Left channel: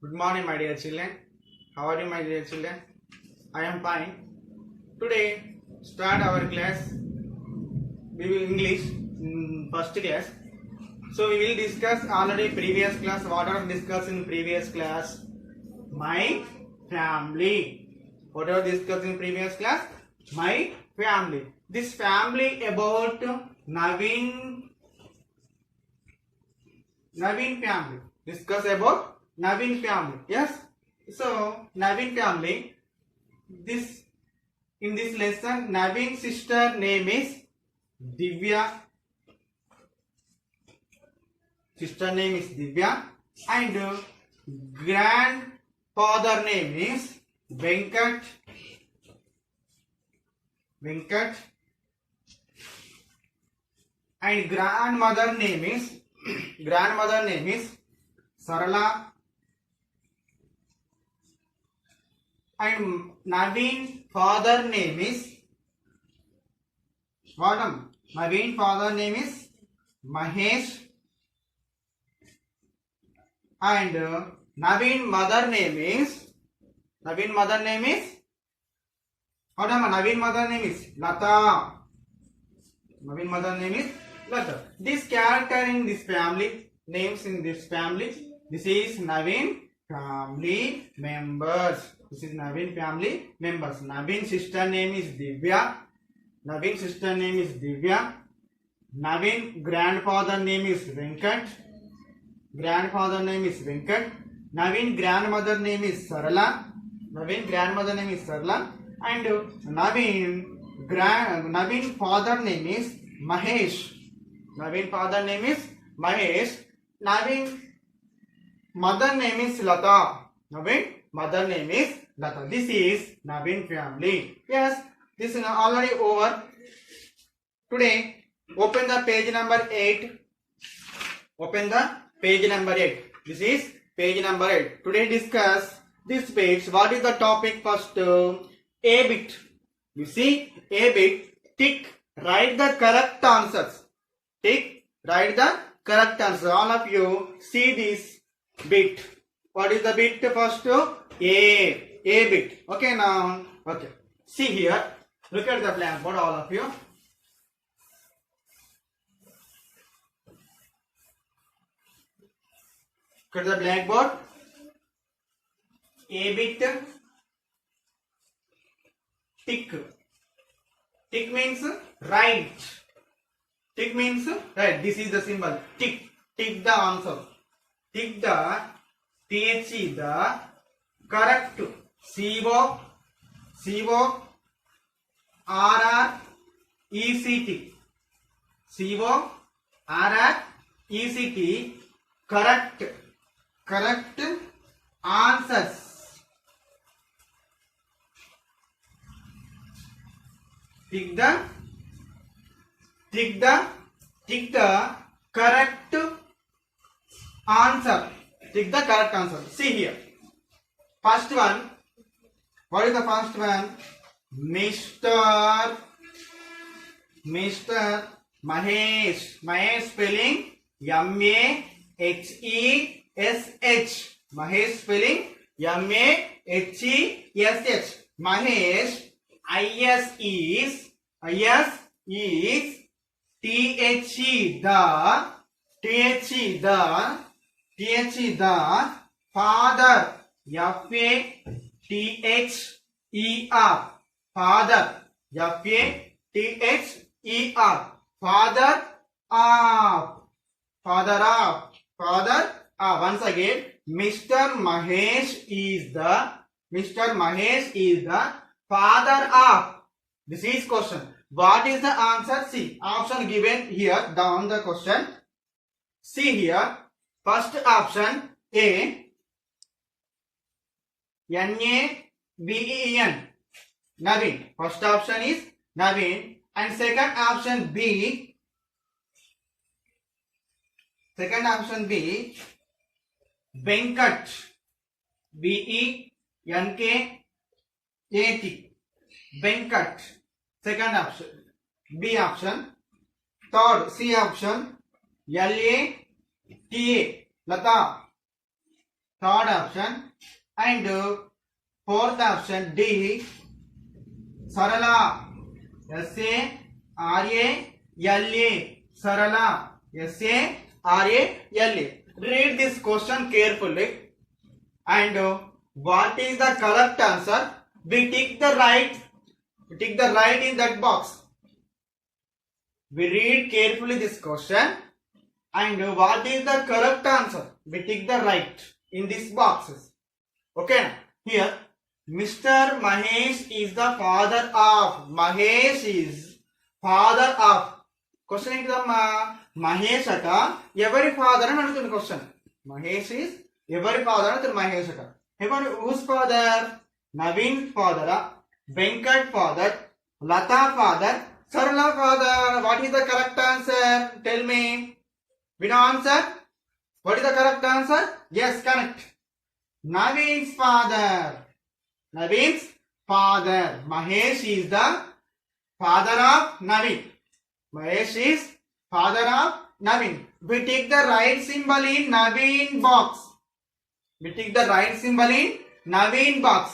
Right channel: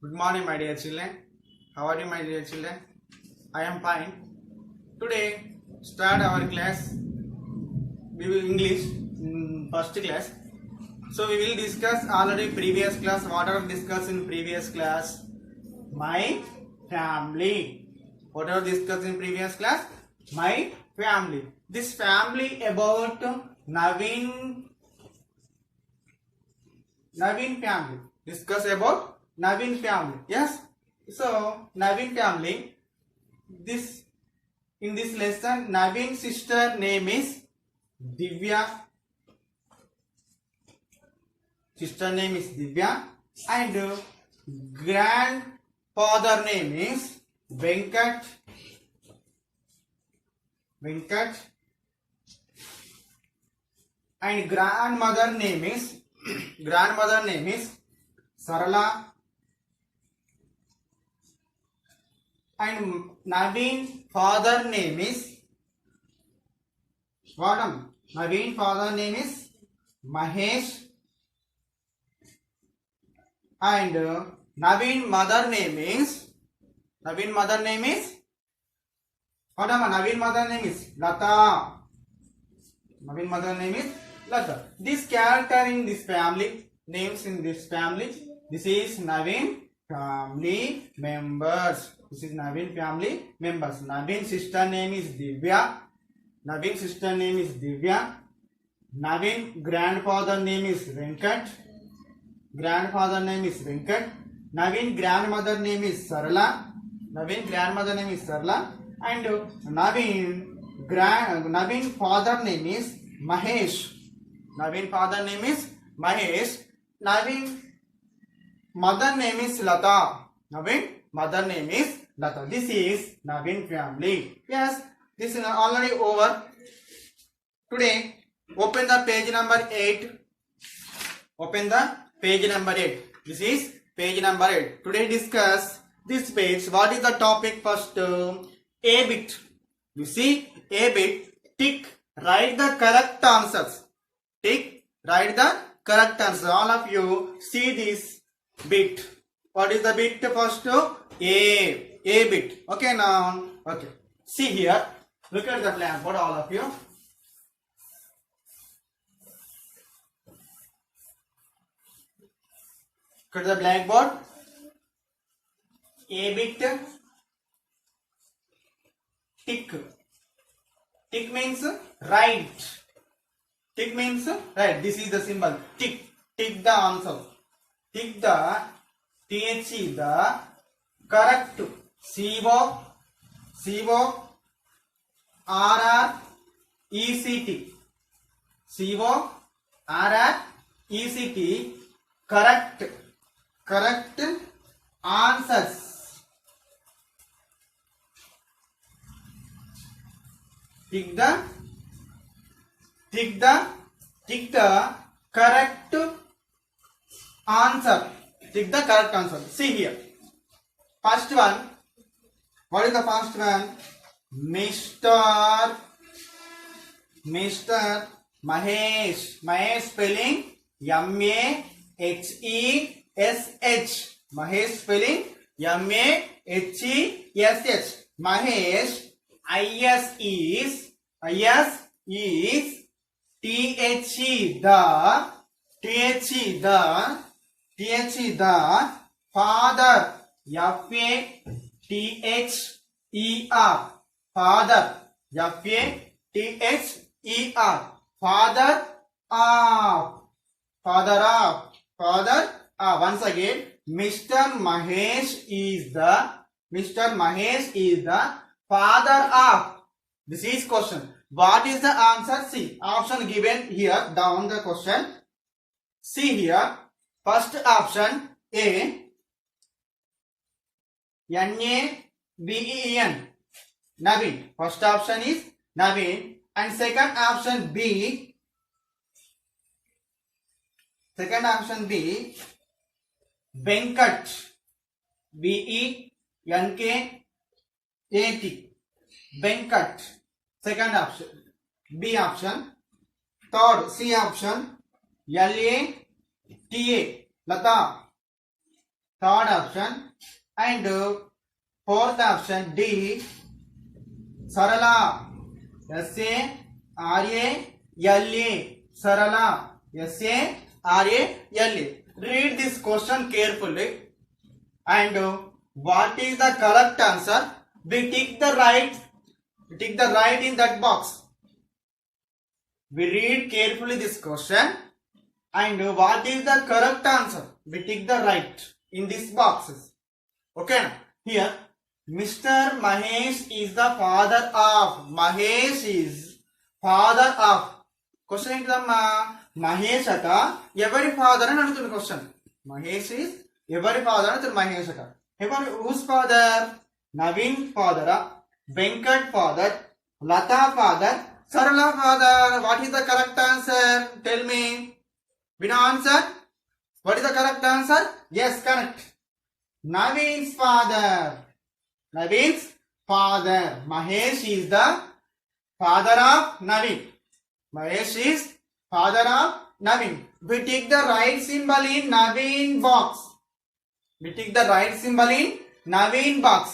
Good morning, my dear children. How are you, my dear children? I am fine. Today, start our class. We will English first class. So we will discuss already previous class. What are discussed in previous class? My family. What are discussed in previous class? My family. This family about Naveen family. Discuss about Naveen family. Yes. So Naveen family. This in this lesson, Naveen's sister name is Divya. Sister name is Divya, and grandfather name is Venkat. And grandmother name is Sarala. And Naveen father name is Naveen father name is Mahesh. And Naveen mother name is Naveen mother name is Lata. Naveen mother name is Lata. This character in this family, names in this family, this is Naveen family members. This is Naveen family members. Naveen sister name is Divya. Naveen grandfather name is Venkat. Naveen grandmother name is Sarala. And Naveen father name is Mahesh. Naveen mother name is Lata. This is Naveen family. Yes, this is already over. Today, open the page number 8. This is page number 8. Today discuss this page. What is the topic first? A bit. You see, A bit. Tick. Write the correct answers. All of you see this bit. What is the bit first? A bit. Okay, now. Okay. See here. Look at the blackboard, all of you. Look at the blackboard. A bit. Tick. Tick means right. This is the symbol. Tick. Tick the answer. Tick the THE, the correct. CO RR ECT. Correct answers. Tick the correct answer. See here. First one. What is the first one? Mr. Mahesh. Mahesh spelling MAHESH. Mahesh spelling MAHESH. Mahesh. IS is the father. FATHER. Father of. Once again, Mr. Mahesh is the father of. This is question. What is the answer? See, option given here down the question. See here. First option A. NAVEN. Naveen. First option is Naveen. And second option B. Venkat. VENKAT. Venkat. Second option. B option. Third, C option. LATA. Lata. third option, and fourth option D, Sarala, S-A-R-A-L-A, Sarala, S-A-R-A-L-A. Read this question carefully, and what is the correct answer? We tick the right in that box. We read carefully this question, and what is the correct answer? We tick the right in these boxes. Okay, here Mr. Mahesh is the father of. Mahesh is father of. Question ఏంటిదమ్మా? Mahesh అట ఎవరి father అని అడుగుతున్న question. Mahesh is ఎవరి father అని మహేష్ అట. ఎవరు whose father? Naveen father, Venkat father, Lata father, Sarala father. What is the correct answer? Tell me. Win answer. What is the correct answer? Yes, correct. Naveen's father. Naveen's father. Mahesh is the father of Naveen. Mahesh is father of Naveen. We take the right symbol in Naveen box. We take the right symbol in Naveen box.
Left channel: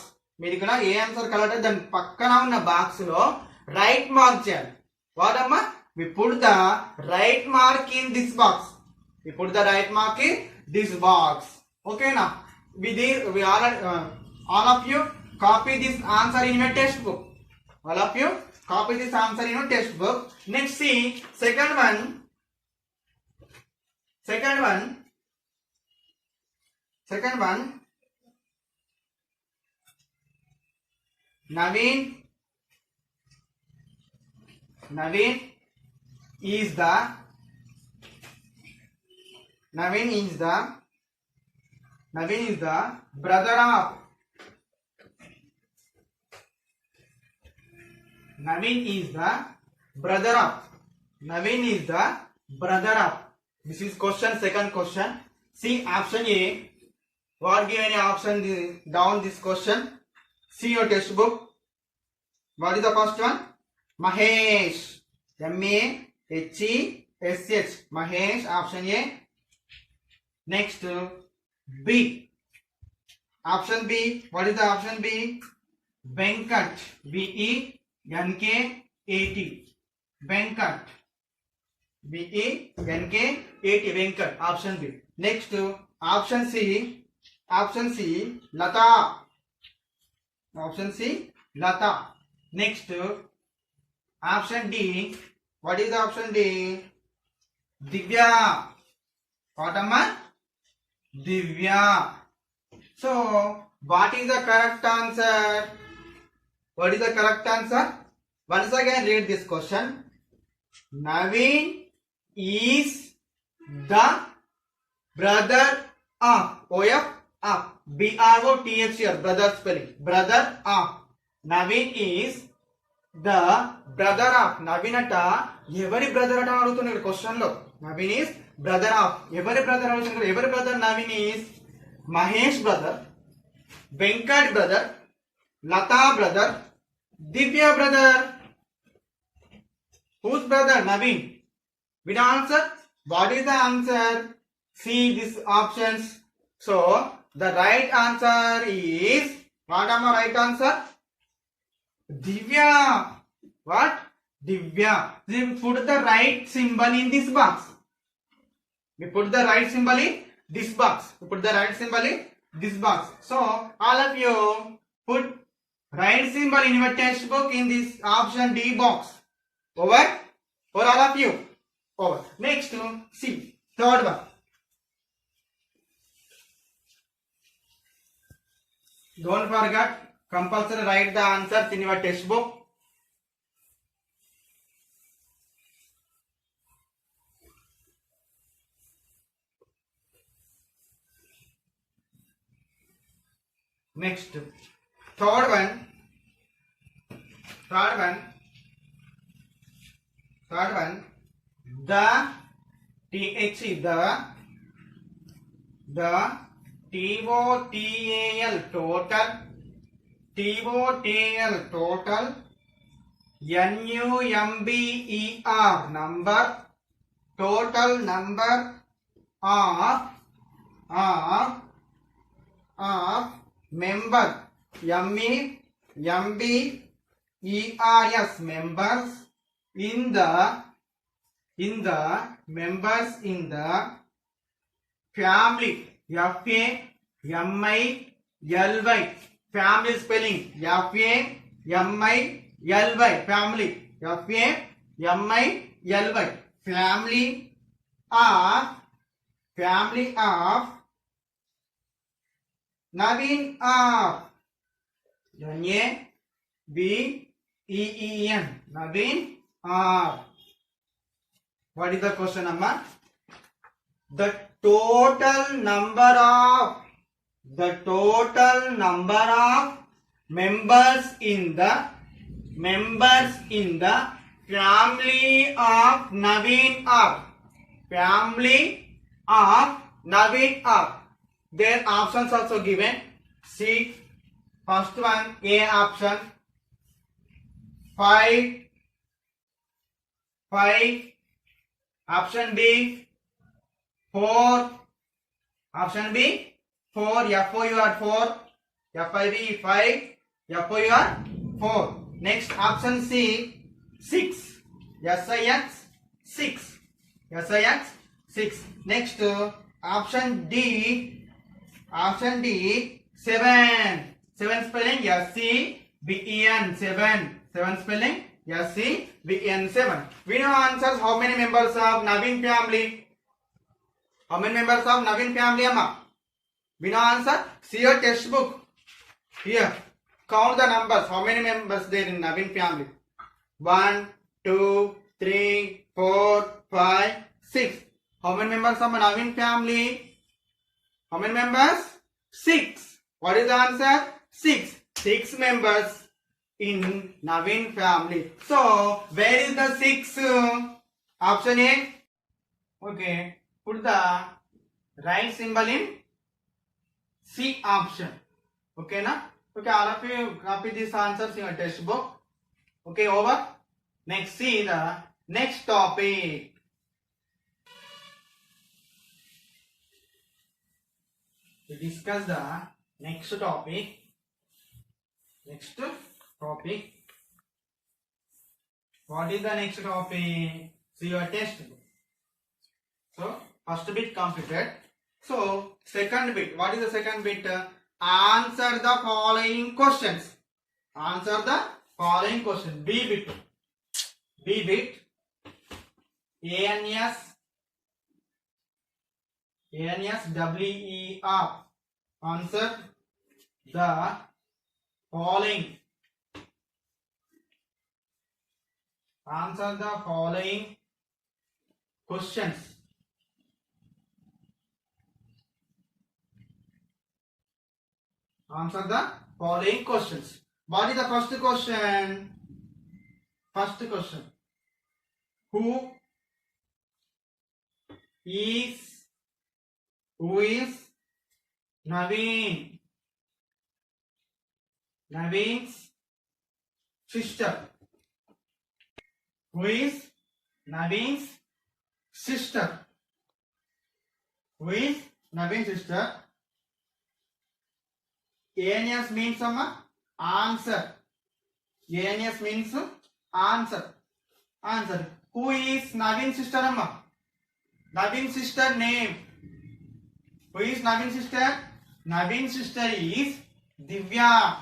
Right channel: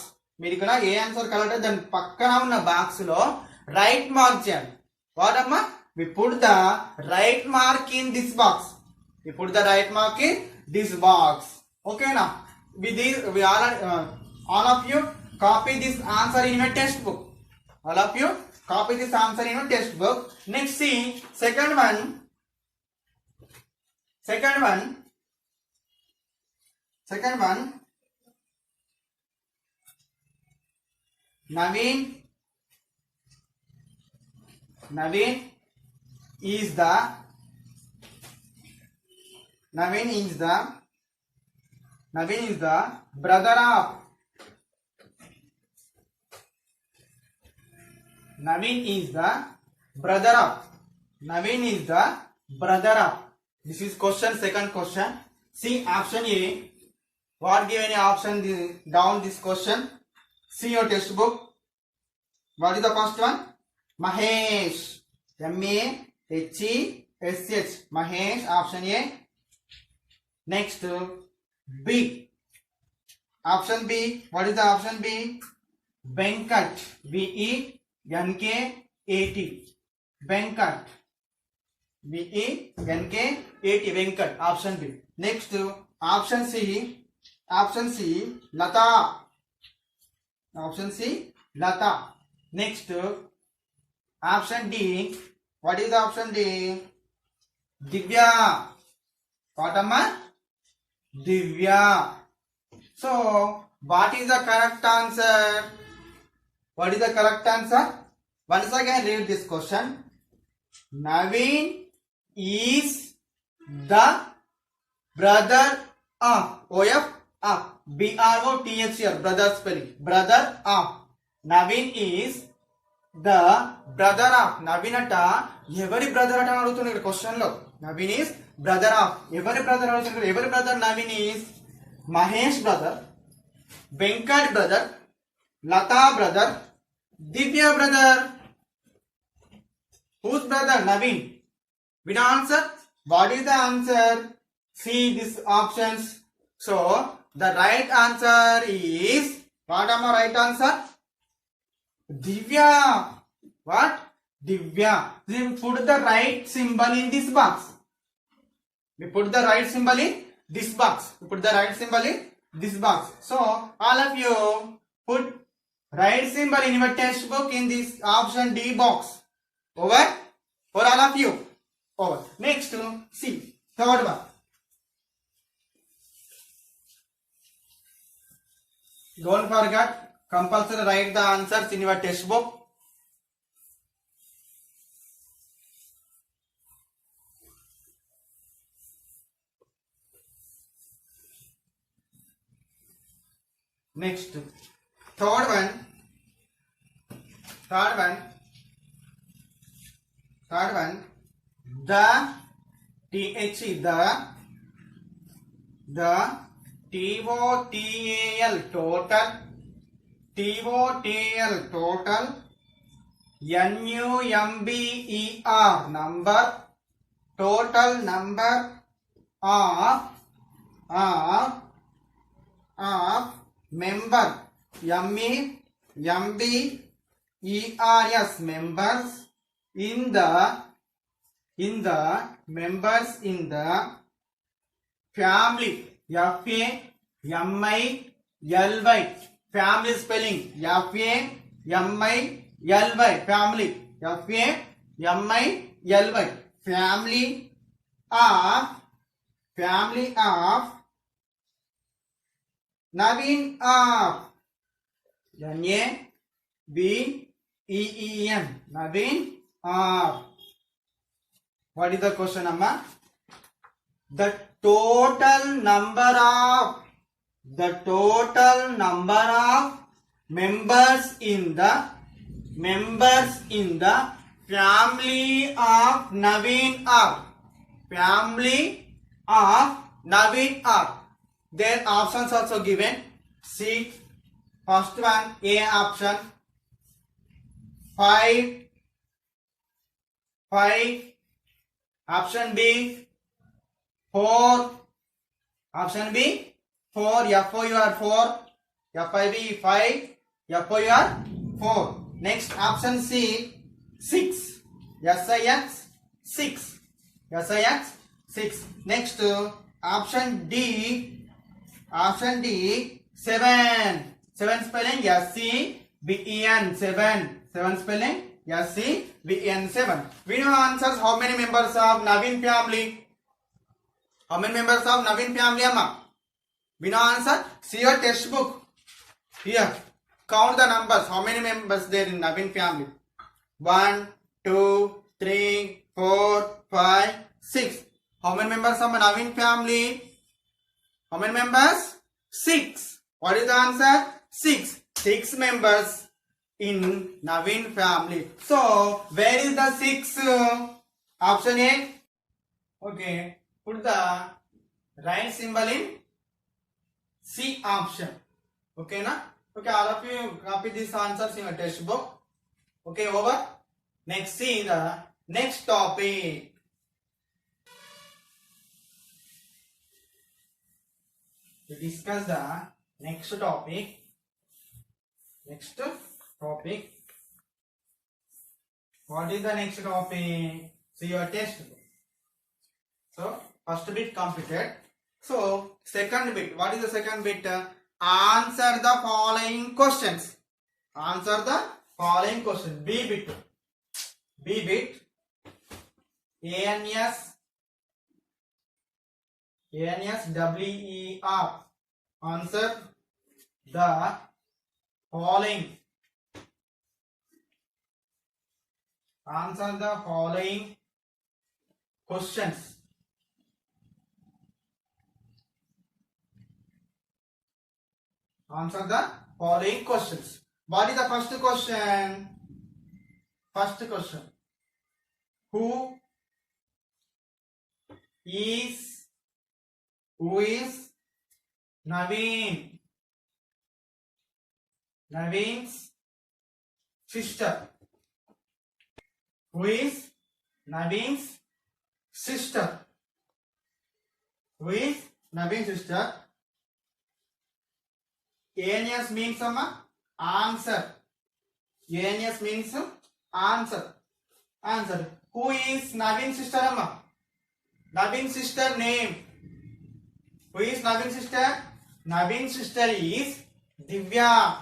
మీరు ఇక్కడ ఏ answer colour దాని పక్కన ఉన్న box లో right mark చేయాలి. వాడమ్మా we put the right mark in this box. We put the right mark in this box. Okay na? We all of you copy this answer in your textbook. All of you copy this answer in your textbook. Next see second one. Naveen is the brother of. Naveen is the brother of. This is question, second question. See option A. What given a option down this question? See your textbook. What is the first one? Mahesh. M-A-H-E-S-H. Mahesh. Option A. Next B. Option B. What is the option B? Venkat. V-E-N-K-A-T. Venkat. V-E-N-K-A-T. Venkat. Option B. Next option C. Lata. Option C. Lata. Next option D. What is the option D? Divya. What am I? Divya. So what is the correct answer? Once again read this question. Naveen is the brother of. O-F of. B-R-O-T-H here. Brother spelling. Brother of. Naveen is the brother of. Naveen ata evari brother ata adugutunnaru question lo. Naveen is brother of. Evari brother adugutunnaru. Evari brother? Naveen is Mahesh brother, Venkat brother, Lata brother, Divya brother. Whose brother? Naveen. With answer? What is the answer? See these options. So the right answer is, what am I right answer? Divya. What? Divya. Then put the right symbol in this box. We put the right symbol in this box. So all of you put right symbol in your textbook in this option D box. Over? For all of you. Over. Next, see. Third one. Don't forget, compulsory write the answers in your textbook. Next, third one. The TH, the TOTAL total, NUMBER number, total number of of member, members, members in the members in the family, family, family spelling, family, family, family of Naveen of Naveen, Naveen of. What is the question, Amma? The total number of members in the family of Naveen of. Family of Naveen of. Their options also given. See, first one, A option, 5. Option B, 4. Option B, 4. FOUR 4. FIV 5. FOUR 4. Next option C, 6. SIX 6. SIX 6. Next option D. 7. 7 spelling SCBEN 7. 7 spelling SCBEN 7. We know answers. How many members of Naveen family? How many members of Naveen family, Amma? We know answer. See your textbook. Here, count the numbers. How many members there in Naveen family? 1, 2, 3, 4, 5, 6. How many members of Naveen family? How many members? 6. What is the answer? 6. 6 members in Naveen family. So, where is the 6? Option A. Okay. Put the right symbol in C option. Okay, na? Okay, all of you copy these answers in your textbook. Okay, over. Next, see the next topic. To discuss the next topic. What is the next topic? See your textbook. So, first bit completed. So, second bit. What is the second bit? Answer the following questions. Answer the following question. B bit. ANS WER. Answer the following. Answer the following questions. Answer the following questions. What is the first question? Who is Naveen? Naveen's sister. Who is Naveen's sister? Who is Naveen's sister? ANS means answer. ANS means answer. Who is Naveen's sister, Amma? Naveen's sister name. Who is Naveen's sister? Naveen's sister is Divya.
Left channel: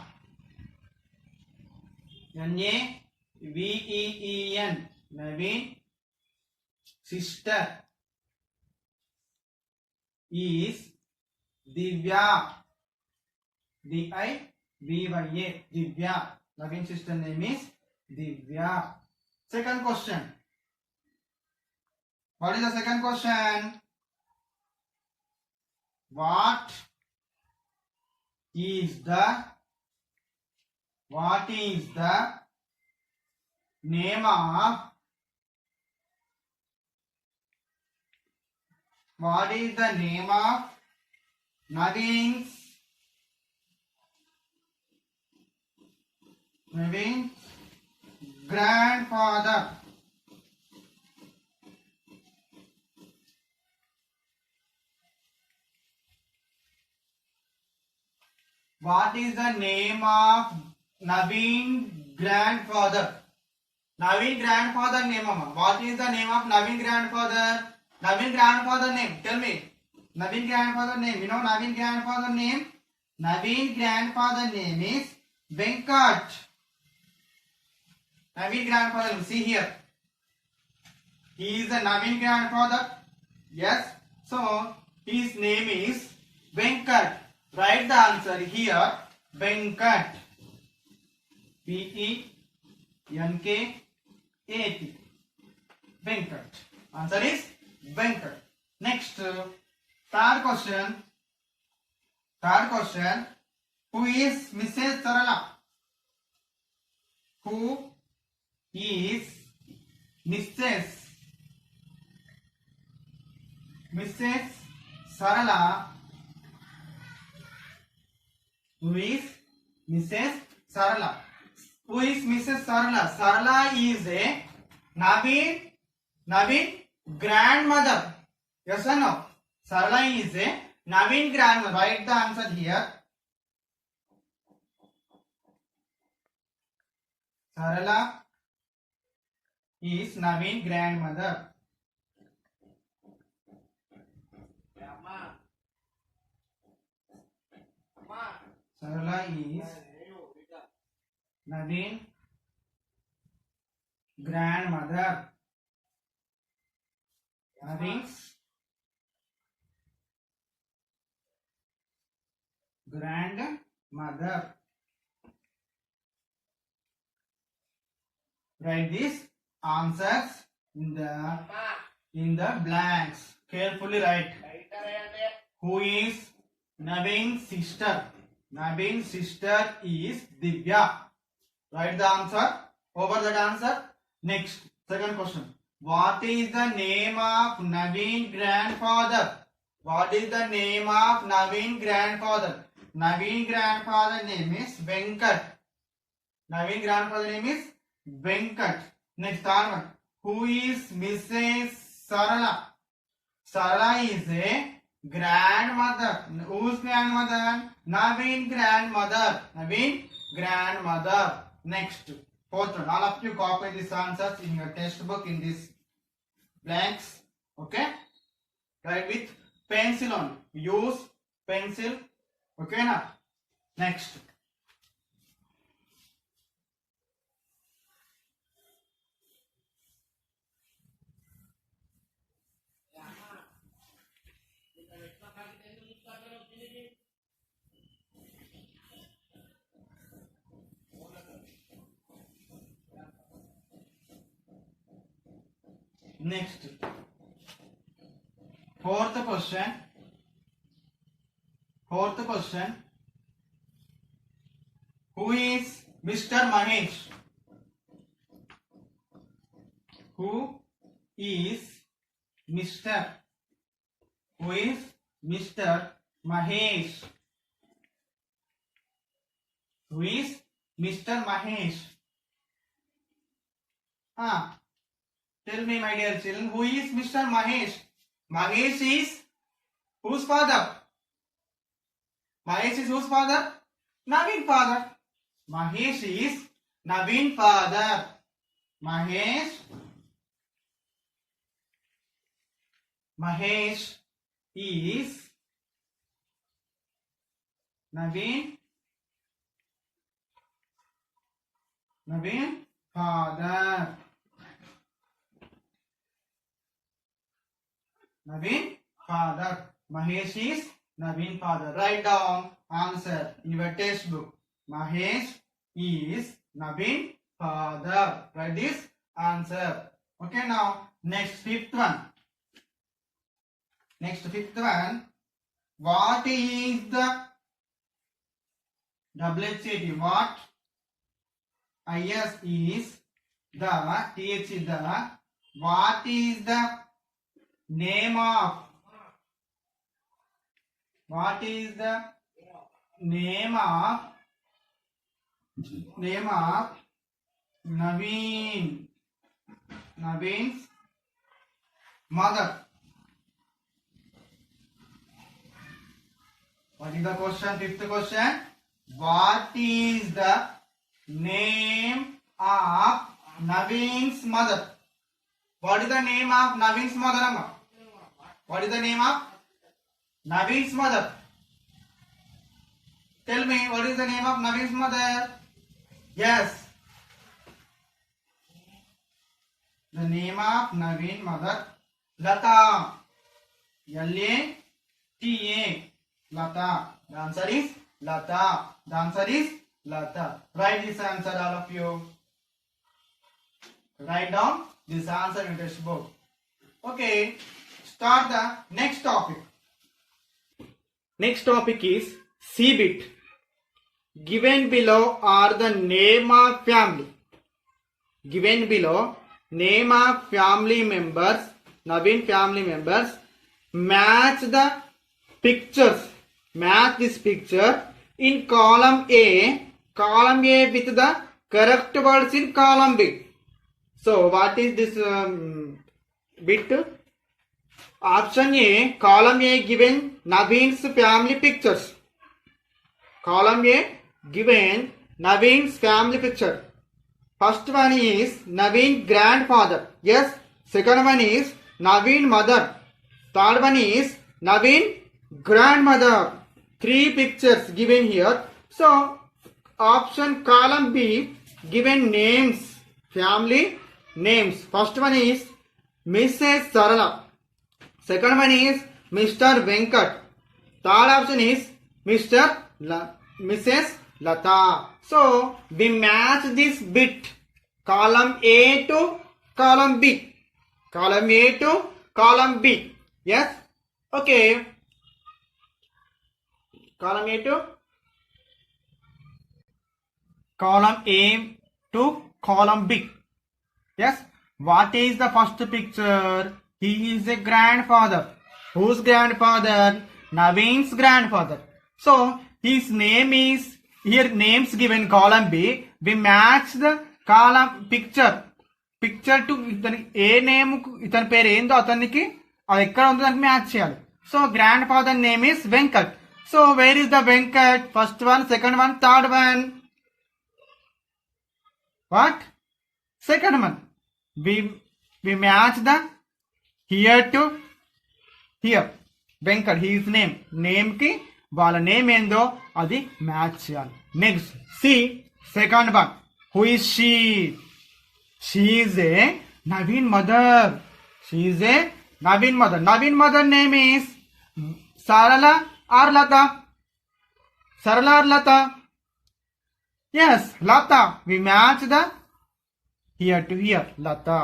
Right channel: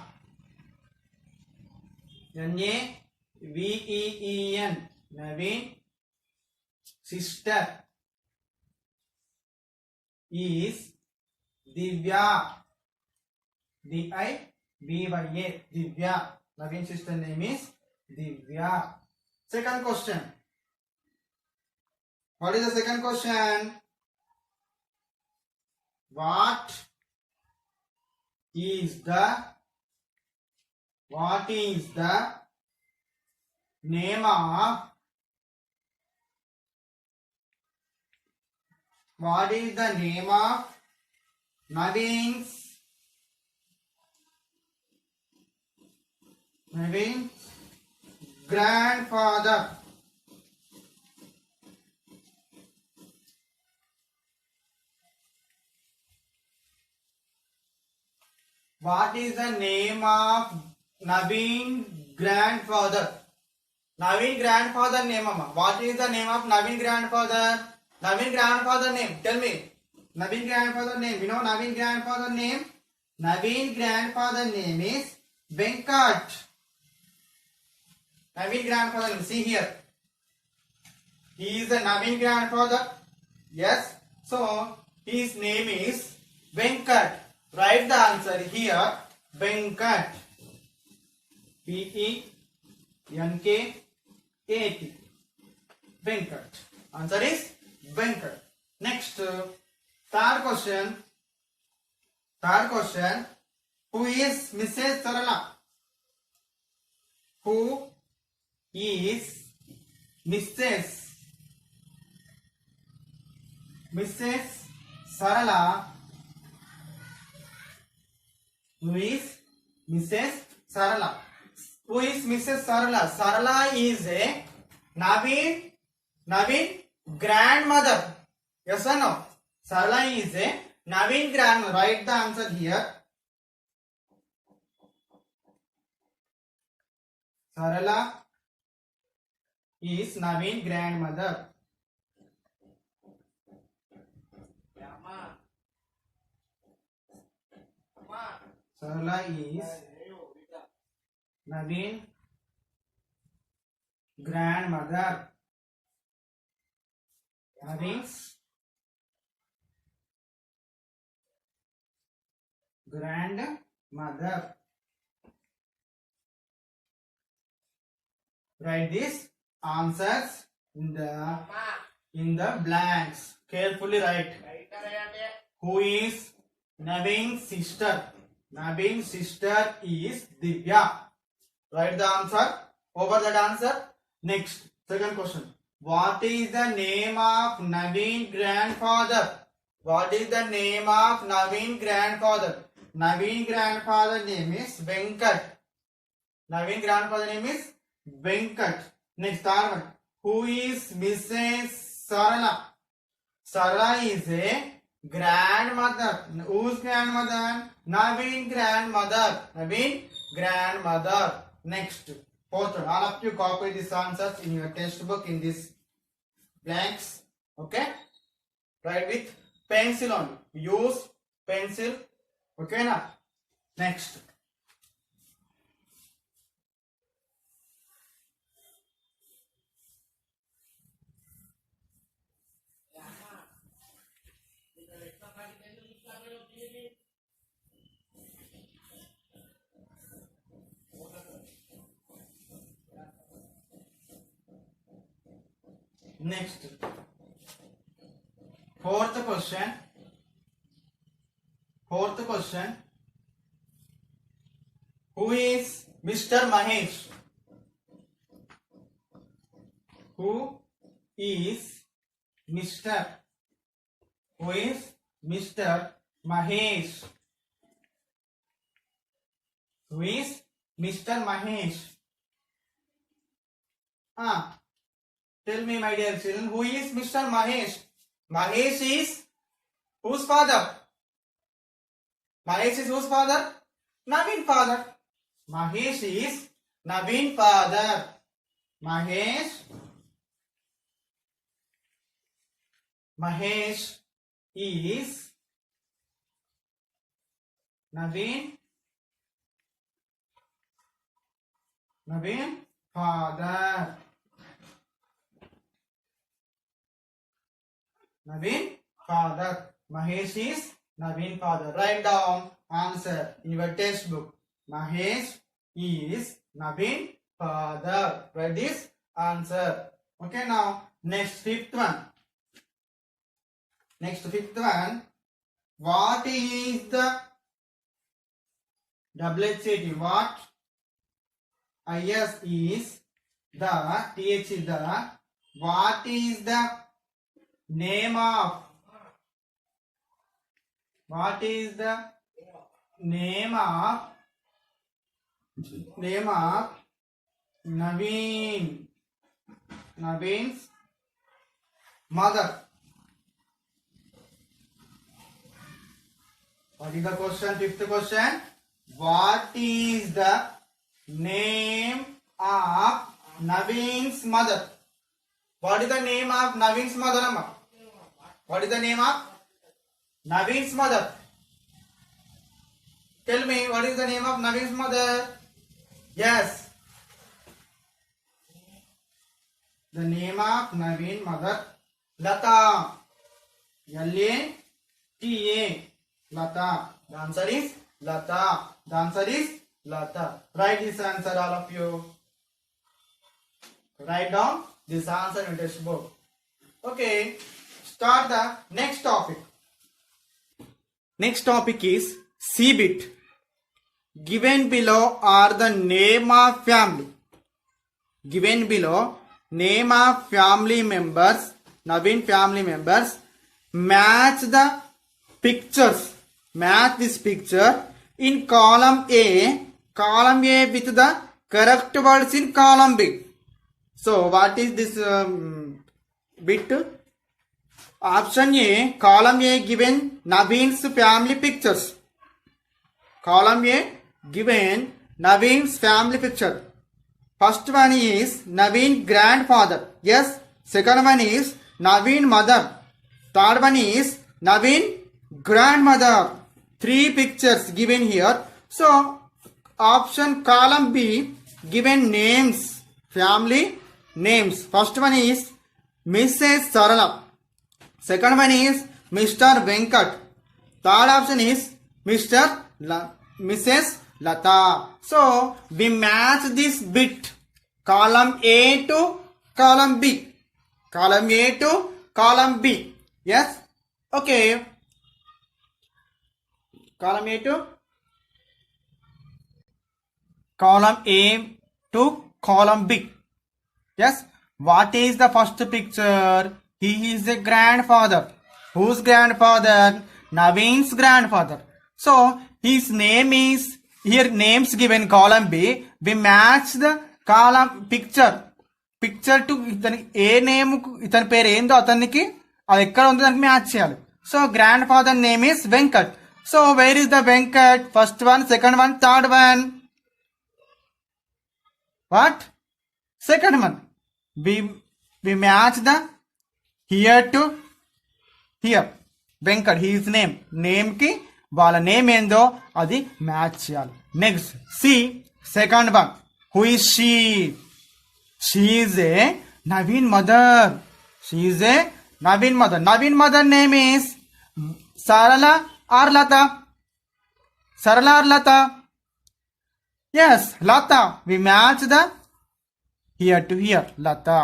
NAVEEN. Naveen sister is Divya. DIVYA. Divya. Naveen sister name is Divya. Second question. What is the second question? What is the name of Naveen's grandfather? What is the name of Naveen grandfather? Naveen grandfather name, Mama. What is the name of Naveen grandfather? Naveen grandfather name. Tell me. Naveen grandfather name. You know Naveen grandfather name? Naveen grandfather name is Venkat. Naveen grandfather name. See here. He is the Naveen grandfather. Yes. So his name is Venkat. Write the answer here. Venkat. Venkat. Venkat. Answer is Venkat. Next, third question. Who is Mrs. Sarala? Who is Mrs. Sarala? Who is Mrs. Sarala? Who is Mrs. Sarala? Sarala is a Naveen grandmother. Yes or no? Sarala is a Naveen grandmother. Write the answer here. Sarala is Naveen grandmother. Sarala is Naveen grandmother. Naveen's grandmother. Write these answers in the blanks. Carefully write. Who is Naveen's sister? Naveen's sister is Divya. Write the answer. Over that answer. Next, second question. What is the name of Naveen grandfather? What is the name of Naveen grandfather? Naveen grandfather name is Venkat. Naveen grandfather name is Venkat. Next, third one. Who is Mrs. Sarala? Sarala is a grandmother. Whose grandmother? Naveen grandmother. Naveen grandmother. Next, fourth one. All of you copy these answers in your textbook in these blanks. Okay? Write with pencil only. Use pencil. Okay now? Next. Next, fourth question. Who is Mr. Mahesh? Who is Mr. Mahesh? Who is Mr. Mahesh? Tell me, my dear children, who is Mr. Mahesh? Mahesh is whose father? Mahesh is whose father? Naveen father. Mahesh is Naveen father. Mahesh is Naveen father. Naveen father. Mahesh is Naveen father. Write down answer in your textbook. Mahesh is Naveen father. Write this answer. Okay, now next fifth one. What is the WHAT? What? IS is the, TH is the. What is the name of? What is the name of Naveen's mother? What is the question? Fifth question. What is the name of Naveen's mother? What is the name of Naveen's mother, Amma? What is the name of Naveen's mother? Tell me, what is the name of Naveen's mother? Yes. The name of Naveen's mother, Lata. L-A-T-A. Lata. The answer is Lata. The answer is Lata. Write this answer, all of you. Write down this answer in test book. Okay. Start the next topic. Next topic is C bit. Given below are the name of family. Given below name of family members, Naveen family members. Match the pictures. Match this picture in column A. Column A with the correct words in column B. So what is this bit? Option A. Column A given Naveen's family pictures. Column A given Naveen's family picture. First one is Naveen grandfather. Yes. Second one is Naveen mother. Third one is Naveen grandmother. 3 pictures given here. So option column B given names. Family names. First one is Mrs. Sarala. Second one is Mr. Venkat. Third option is Mrs. Lata. So we match this bit. Column A to column B. Column A to column B. Yes? Okay. Column A to column B. Yes? What is the first picture? He is a grandfather. Whose grandfather? Naveen's grandfather. So his name is, here names given column B. We match the column picture to ఇతని ఏ name ఇతని పేరు ఏందో అతనికి అది ఎక్కడ ఉందో దానికి match చేయాలి. So grand father name is Venkat. So where is the Venkat? First one, second one, third one. What? Second one. We match the here to here. Venkat his name. Name కి వాళ్ళ నేమ్ ఏందో అది మ్యాచ్ చేయాలి. Next see second one. Who is she? She is a Naveen mother. She is a Naveen mother. Naveen mother name is Sarala or Lata? Sarala or Lata? Yes, Lata. We match the here to here. Lata.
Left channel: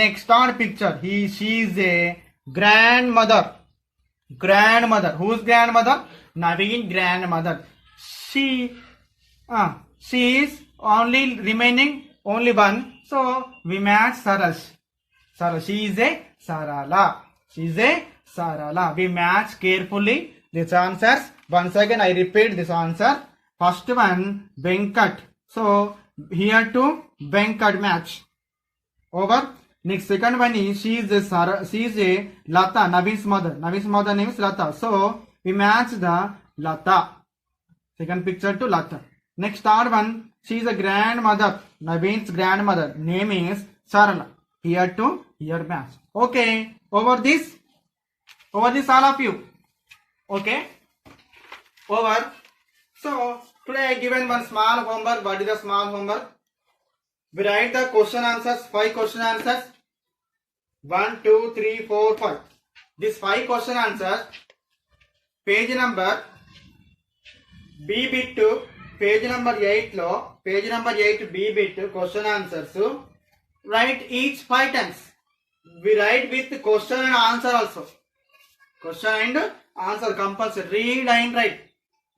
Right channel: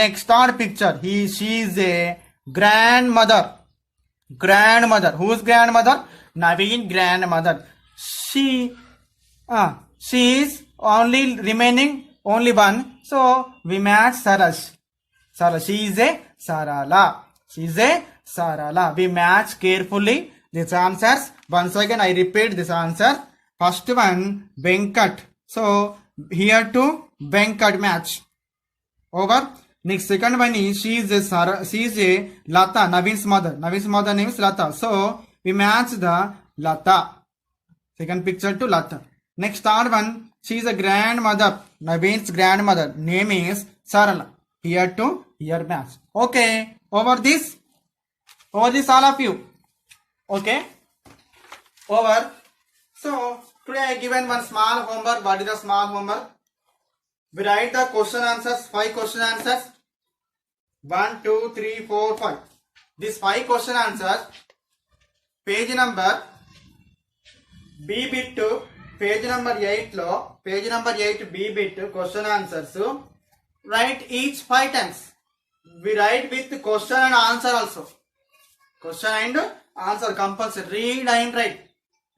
Next, third picture. She is a grandmother. Grandmother. Whose grandmother? Naveen grandmother. She is only remaining only one. So we match Sarash. Sarala. She is a Sarala. She is a Sarala. We match carefully these answers. Once again I repeat this answer. First one Venkat. So here to Venkat match. Over. Next second one is she is a Lata. Naveen's mother. Naveen's mother name is Lata. So we match the Lata. Second picture to Lata. Next third one. She is a grandmother. Naveen's grandmother name is Sarala. Here to here match. Okay. Over this all of you. Okay. Over. So today I given one small homework. What is the small homework? We write the question answers. 5 question answers. 1, 2, 3, 4, 5. These 5 question answers. Page number B bit to page number 8 లో page number 8 B bit question answers write each 5 times. We write with question and answer also. Question and answer compulsory. Read and write.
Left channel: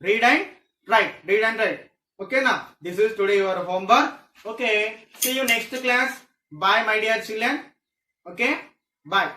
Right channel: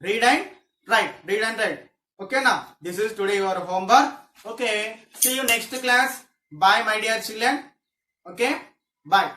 Read and write. Read and write. ఓకేనా? This is today your homework. Okay, see you next class. Bye my dear children. Okay, bye.